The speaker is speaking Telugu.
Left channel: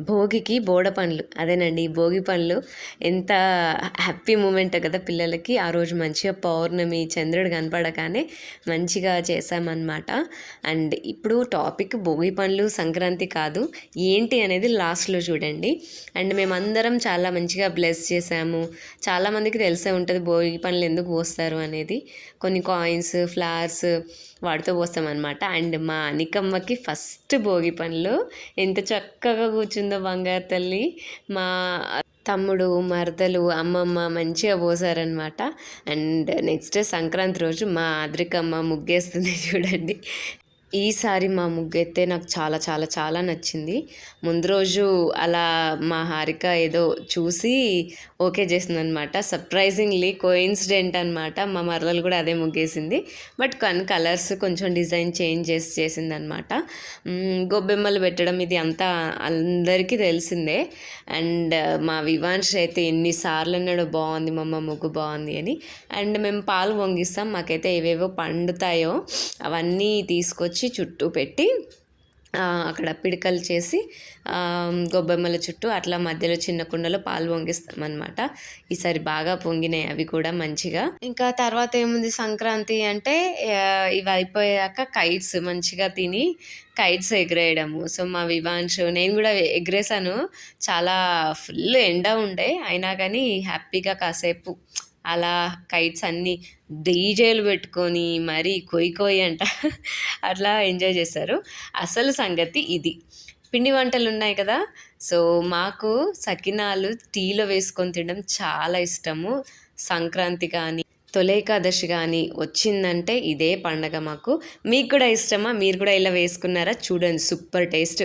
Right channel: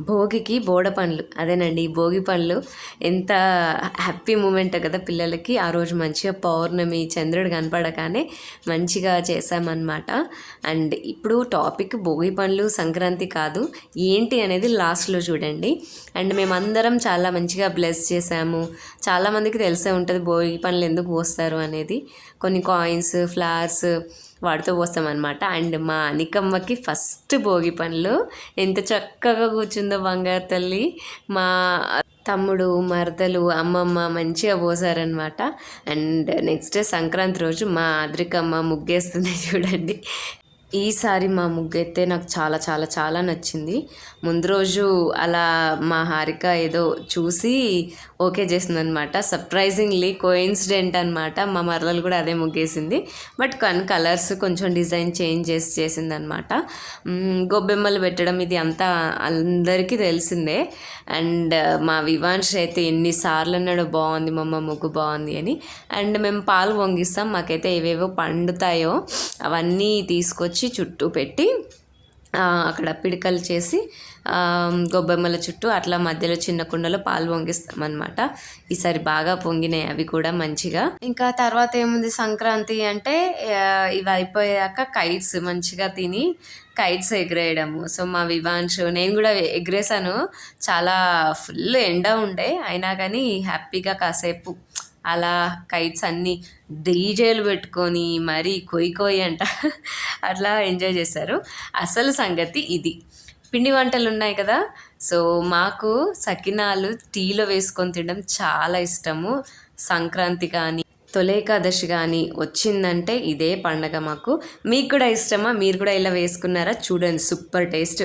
భోగికి బోడ పండ్లు అదేనండి. ఈ భోగి పండ్లు ఎంత హ్యాపీ మూమెంటో కదా పిల్లలకి. ఆ రోజు మంచిగా పౌర్ణమి, చంద్రుడు కనపడగానే మంచిగా చేశామన్నమాట. అండ్ ఇప్పుడు టాపిక్ భోగి పండ్లు, సంక్రాంతి కాదు. ఏంటి అనేది లాస్ట్‌లో చూడండి. అండ్ మేమందరం చాలా మంచిగా బ్లెస్ చేశాము. చాలామందికి తెలిసే ఉంటుంది భోగి పండ్లు ఎందుకు పోస్తారు అనేది. కొన్ని కాయిన్స్, ఫ్లవర్స్ వాటితో పోస్తామన్నమాట. అండ్ మా అనికమ్మకి ఫస్ట్ భోగి పండ్లు ఎంత చక్కగా కూర్చుందో బంగారు తల్లి. మా తమ్ముడు, మరదలు, అమ్మమ్మ మంచిగా పోసారనమాట. అండ్ నెక్స్ట్ డే సంక్రాంతి రోజు మా అద్రికమ్మ ముగ్గేస్తుంది చూడండి. ఈసారి మా ముగ్గైతే నాకు చాలా చాలా చాలా నచ్చింది. ముందు రోజు అలా మా హారిక ఏదో చూసి ఓకే చేసిందనమాట. సర్ప్రైజింగ్లీ కోయిన్సిడెంట్ అనమాట. మా మరదలు కూడా అదే ముగ్గేసింది. బట్ కొన్ని కలర్స్ కొంచెం డిజైన్ చేంజ్ చేసి చేసిందనమాట. గొబ్బెమ్మలు పెట్టడం ఇది అంతా అందరికీ తెలిసిందే. అండ్ మా వివాన్ష్ అయితే ఎన్నిసార్లు అన్నాడు బాగుంది మమ్మ ముగ్గు బాగుంది అని. అండ్ మేము పాలు పొంగిస్తాం. మాకైతే ఏవేవో పండుతాయో అవన్నీ తీసుకొచ్చి చుట్టూ పెట్టి అక్కడ పిడకలు చేసి గొబ్బెమ్మల చుట్టూ అట్లా మధ్యలో చిన్న కుండలో పాలు పొంగిస్తాం అనమాట. ఈసారి బాగా పొంగినాయి అవి కూడా మంచిగా. ఇంకా తర్వాత ఏముంది సంక్రాంతి అంటే ఇవి అయిపోయాక కైట్స్ మంచిగా తిని కైట్స్ ఎగిరేయడము. సో మా వివాన్షు నేను కూడా ఎగిరేసాను. చాలా ఫుల్ ఎండ ఉండే అయినా కానీ హ్యాపీగా కాసేపు అలా కైట్స్ అన్నీ డీజేలు పెట్టుకొని మరీ కొయ్యి అంట అట్లా ఎంజాయ్ చేశారు. అసలు సంగతి ఇది. పిండి వంటలు ఉన్నాయి కదా. సో మాకు సకినాలు టీలో వేసుకొని తినడం చాలా ఇష్టము. సంక్రాంతి కానీ తొలి ఏకాదశి కానీ వచ్చిందంటే ఇదే పండగ మాకు. మీకు కూడా ఇష్టమా? మీరు కూడా ఇలా వేసుకున్నారా? చూడండి సూపర్ టేస్ట్.